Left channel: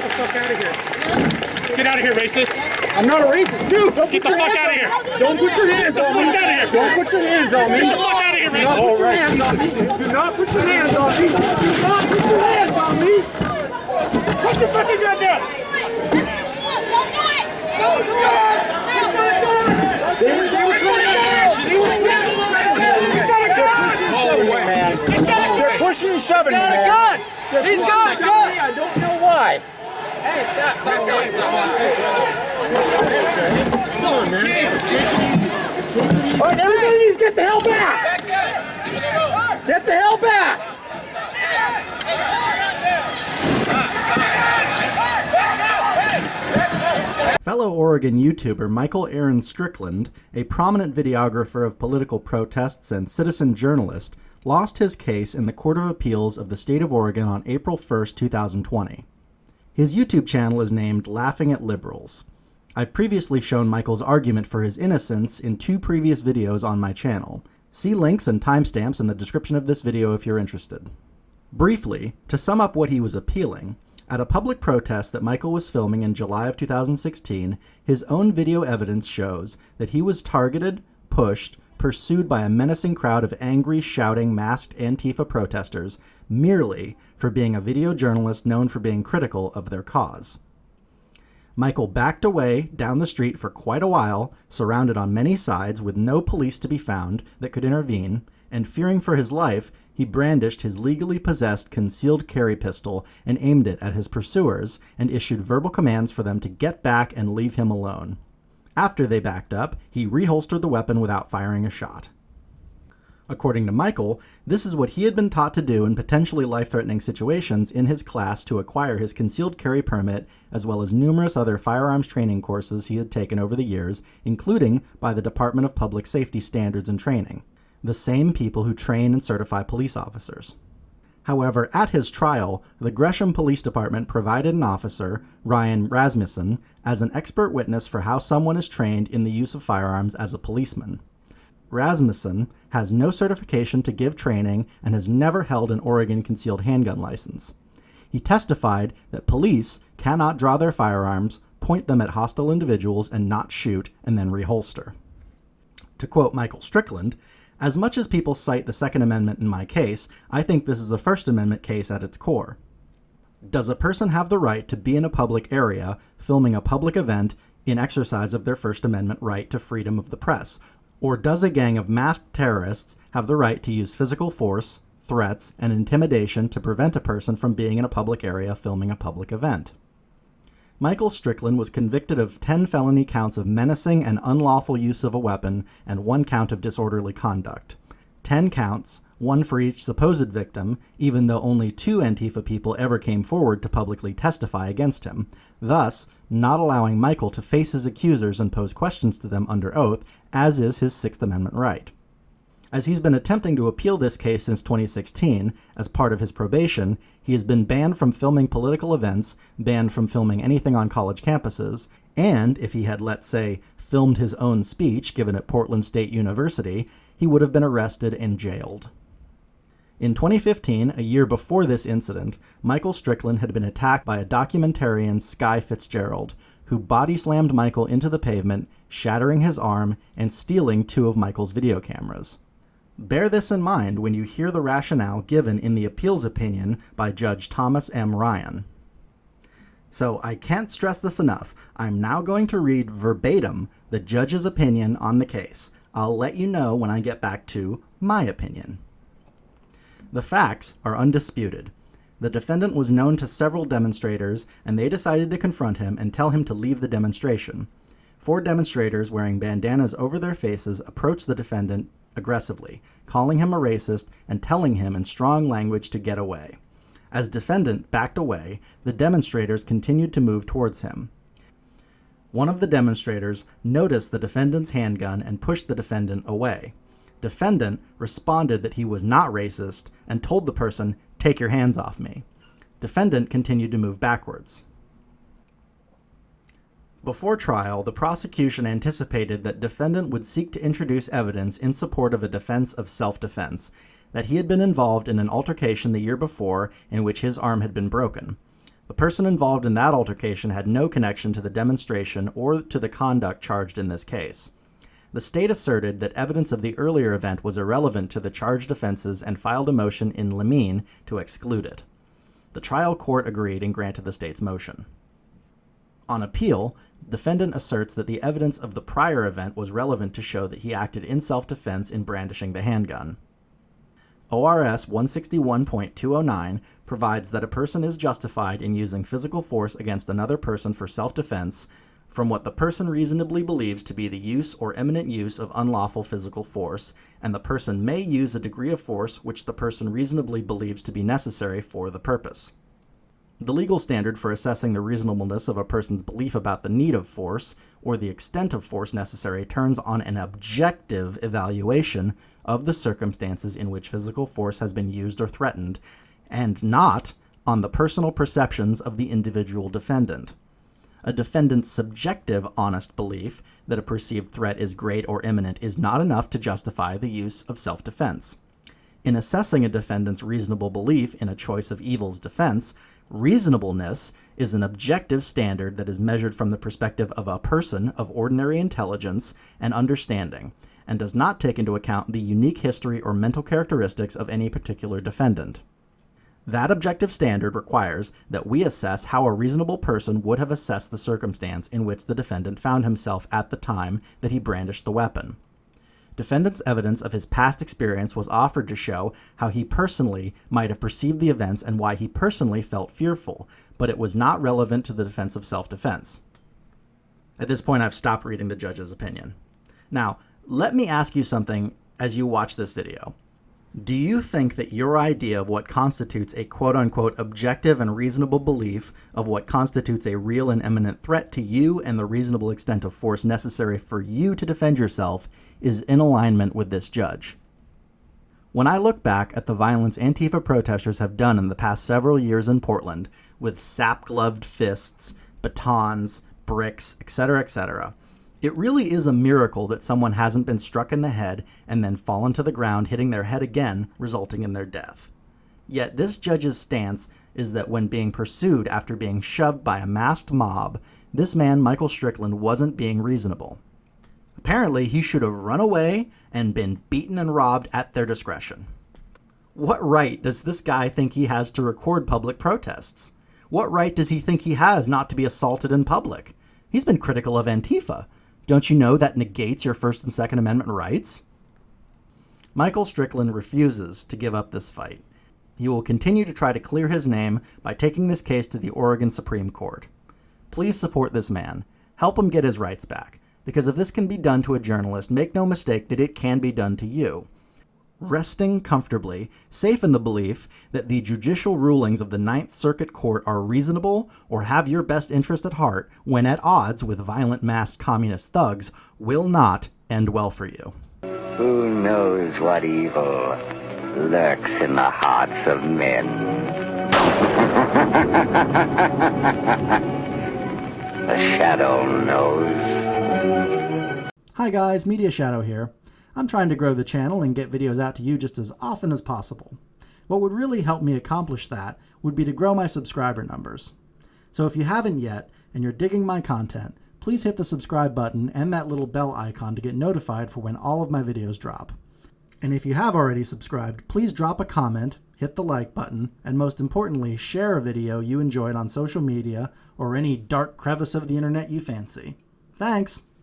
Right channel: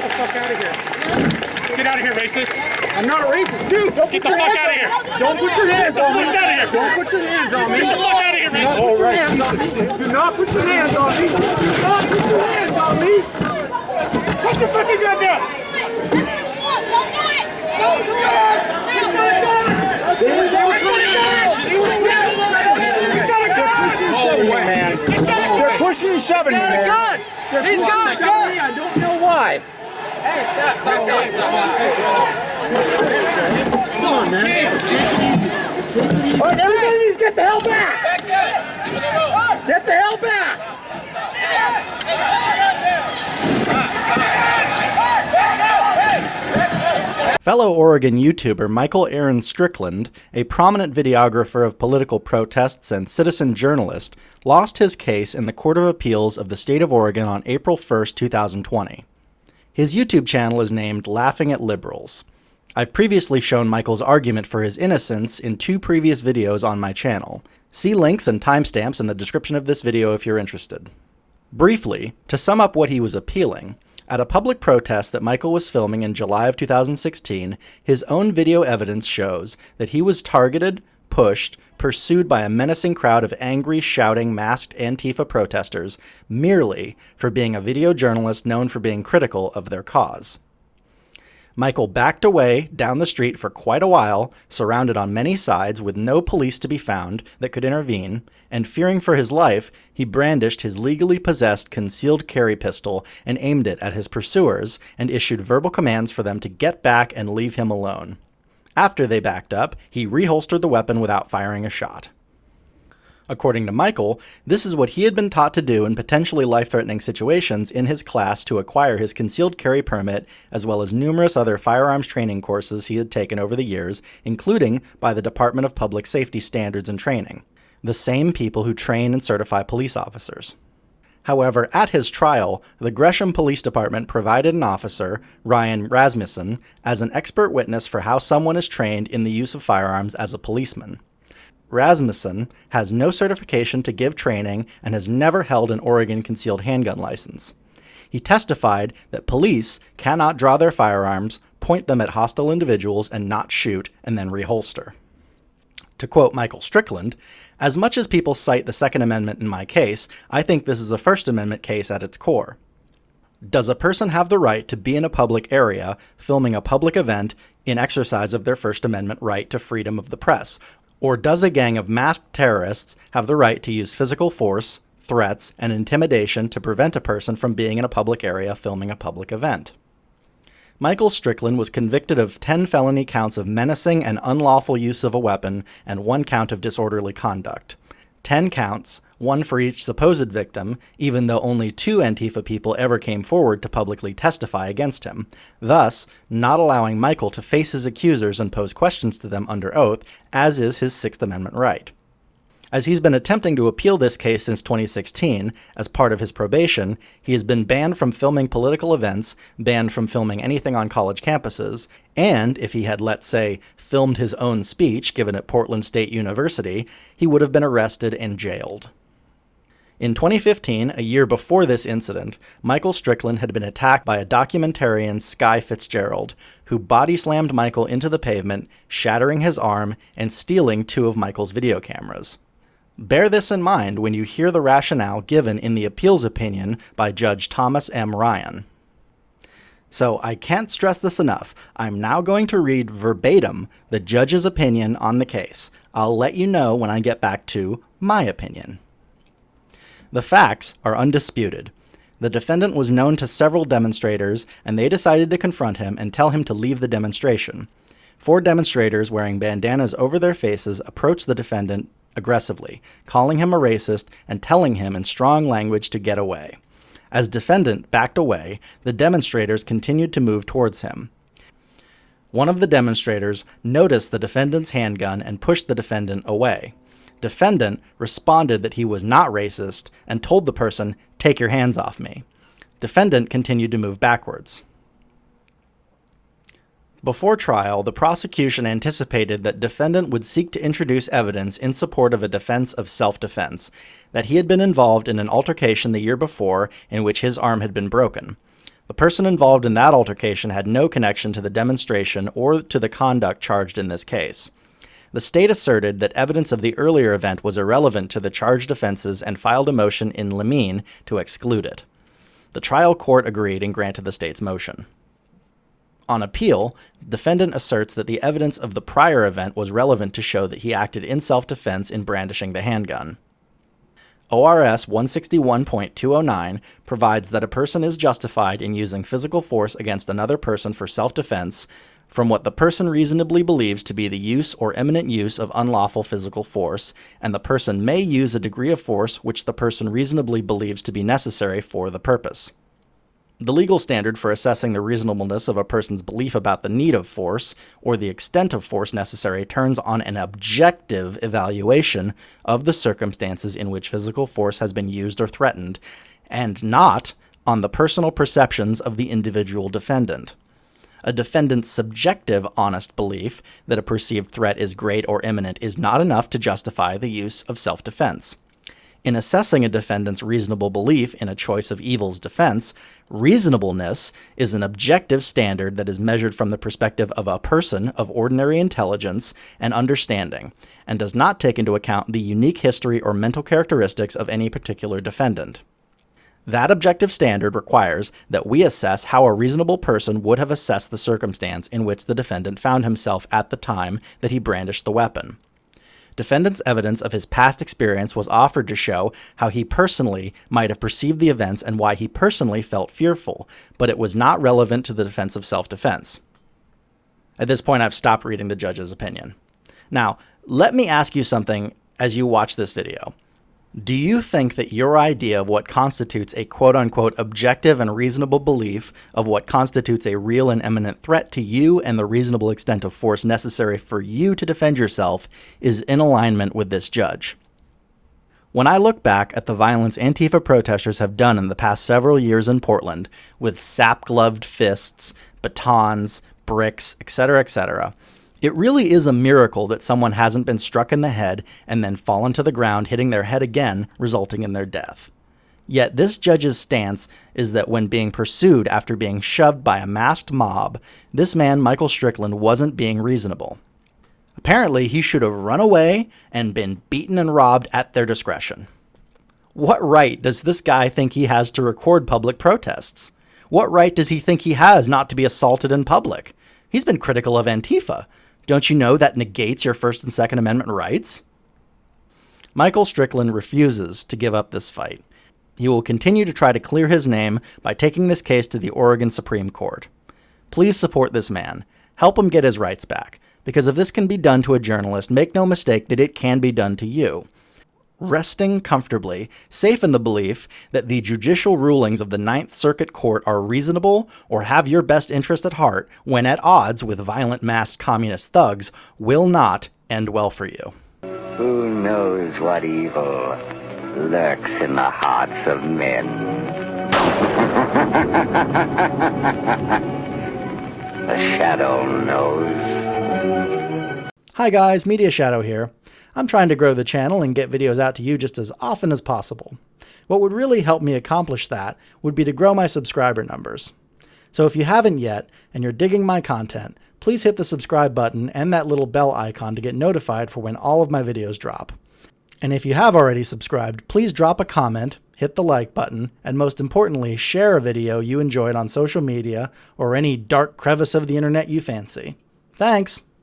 Get the fuck out of here. Get out of here, racist. I'm not a racist. Dude, don't Get the fuck out of here. Don't put your hands on me. Get out of here. Don't put your hands on me. Get the fuck out of here, racist. Put your hands on me. Do not put your hands on me. Do not put your hands on me. Put your fucking gun down. Don't do it. Don't do it. They're pushing and shoving me, man. He's got a gun. I don't know why. Hey, stop. Come on, man. All right, everybody needs to get the hell back. Get the hell back. Fellow Oregon YouTuber Michael Aaron Strickland, a prominent videographer of political protests and citizen journalist, lost his case in the Court of Appeals of the State of Oregon on April 1, 2020. His YouTube channel is named Laughing at Liberals. I've previously shown Michael's argument for his innocence in 2 previous videos on my channel. See links and timestamps in the description of this video if you're interested. Briefly, to sum up what he was appealing, at a public protest that Michael was filming in July of 2016, his own video evidence shows that he was targeted, pushed, pursued by a menacing crowd of angry, shouting, masked Antifa protesters merely for being a video journalist known for being critical of their cause. Michael backed away down the street for quite a while, surrounded on many sides with no police to be found that could intervene, and fearing for his life, he brandished his legally possessed concealed carry pistol and aimed it at his pursuers and issued verbal commands for them to get back and leave him alone. After they backed up, he reholstered the weapon without firing a shot. According to Michael, this is what he had been taught to do in potentially life-threatening situations in his class to acquire his concealed carry permit, as well as numerous other firearms training courses he had taken over the years, including by the Department of Public Safety Standards and Training, the same people who train and certify police officers. However, at his trial, the Gresham Police Department provided an officer, Ryan Rasmussen, as an expert witness for how someone is trained in the use of firearms as a policeman. Rasmussen has no certification to give training and has never held an Oregon concealed handgun license. He testified that police cannot draw their firearms, point them at hostile individuals, and not shoot, and then reholster. To quote Michael Strickland, "As much as people cite the Second Amendment in my case, I think this is a First Amendment case at its core. Does a person have the right to be in a public area, filming a public event, in exercise of their First Amendment right to freedom of the press? Or does a gang of masked terrorists have the right to use physical force, threats, and intimidation to prevent a person from being in a public area filming a public event?" Michael Strickland was convicted of 10 felony counts of menacing and unlawful use of a weapon and 1 count of disorderly conduct. 10 counts, 1 for each supposed victim, even though only 2 Antifa people ever came forward to publicly testify against him, thus not allowing Michael to face his accusers and pose questions to them under oath, as is his Sixth Amendment right. As he's been attempting to appeal this case since 2016, as part of his probation, he has been banned from filming political events, banned from filming anything on college campuses, and if he had, let's say, filmed his own speech given at Portland State University, he would have been arrested and jailed. In 2015, a year before this incident, Michael Strickland had been attacked by a documentarian, Sky Fitzgerald, who body-slammed Michael into the pavement, shattering his arm and stealing 2 of Michael's video cameras. Bear this in mind when you hear the rationale given in the appeals opinion by Judge Thomas M. Ryan. So I can't stress this enough. I'm now going to read verbatim the judge's opinion on the case. I'll let you know when I get back to my opinion. The facts are undisputed. The defendant was known to several demonstrators, and they decided to confront him and tell him to leave the demonstration. 4 demonstrators wearing bandanas over their faces approached the defendant aggressively, calling him a racist and telling him in strong language to get away. As defendant backed away, the demonstrators continued to move towards him. One of the demonstrators noticed the defendant's handgun and pushed the defendant away. Defendant responded that he was not racist and told the person, "Take your hands off me." Defendant continued to move backwards. Before trial, the prosecution anticipated that defendant would seek to introduce evidence in support of a defense of self-defense, that he had been involved in an altercation the year before in which his arm had been broken. The person involved in that altercation had no connection to the demonstration or to the conduct charged in this case. The state asserted that evidence of the earlier event was irrelevant to the charged offenses and filed a motion in limine to exclude it. The trial court agreed and granted the state's motion. On appeal, the defendant asserts that the evidence of the prior event was relevant to show that he acted in self-defense in brandishing the handgun. ORS 161.209 provides that a person is justified in using physical force against another person for self-defense from what the person reasonably believes to be the use or imminent use of unlawful physical force, and the person may use a degree of force which the person reasonably believes to be necessary for the purpose. The legal standard for assessing the reasonableness of a person's belief about the need of force or the extent of force necessary turns on an objective evaluation of the circumstances in which physical force has been used or threatened, and not on the personal perceptions of the individual defendant. A defendant's subjective, honest belief that a perceived threat is great or imminent is not enough to justify the use of self-defense. In assessing a defendant's reasonable belief in a choice of evil's defense, reasonableness is an objective standard that is measured from the perspective of a person of ordinary intelligence and understanding, and does not take into account the unique history or mental characteristics of any particular defendant. That objective standard requires that we assess how a reasonable person would have assessed the circumstance in which the defendant found himself at the time that he brandished the weapon. Defendant's evidence of his past experience was offered to show how he personally might have perceived the events and why he personally felt fearful, but it was not relevant to the defense of self-defense. At this point, I've stopped reading the judge's opinion. Now, let me ask you something as you watch this video. Do you think that your idea of what constitutes a quote-unquote objective and reasonable belief of what constitutes a real and imminent threat to you and the reasonable extent of force necessary for you to defend yourself is in alignment with this judge? When I look back at the violence Antifa protesters have done in the past several years in Portland, with sap-gloved fists, batons, bricks, etc., it really is a miracle that someone hasn't been struck in the head and then fallen to the ground, hitting their head again, resulting in their death. Yet this judge's stance is that when being pursued after being shoved by a masked mob, this man, Michael Strickland, wasn't being reasonable. Apparently, he should have run away and been beaten and robbed at their discretion. What right does this guy think he has to record public protests? What right does he think he has not to be assaulted in public? He's been critical of Antifa. Don't you know that negates your First and Second Amendment rights? Michael Strickland refuses to give up this fight. He will continue to try to clear his name by taking this case to the Oregon Supreme Court. Please support this man. Help him get his rights back. Because if this can be done to a journalist, make no mistake that it can be done to you. Resting comfortably, safe in the belief that the judicial rulings of the Ninth Circuit Court are reasonable or have your best interest at heart when at odds with violent masked communist thugs will not end well for you. Who knows what evil lurks in the hearts of men? The shadow knows. Hi guys, Media Shadow here. I'm trying to grow the channel and get videos out to you just as often as possible. What would really help me accomplish that would be to grow my subscriber numbers. So if you haven't yet, and you're digging my content, please hit the subscribe button and that little bell icon to get notified for when all of my videos drop. And if you have already subscribed, please drop a comment, hit the like button, and most importantly, share a video you enjoyed on social media or any dark crevice of the internet you fancy. Thanks!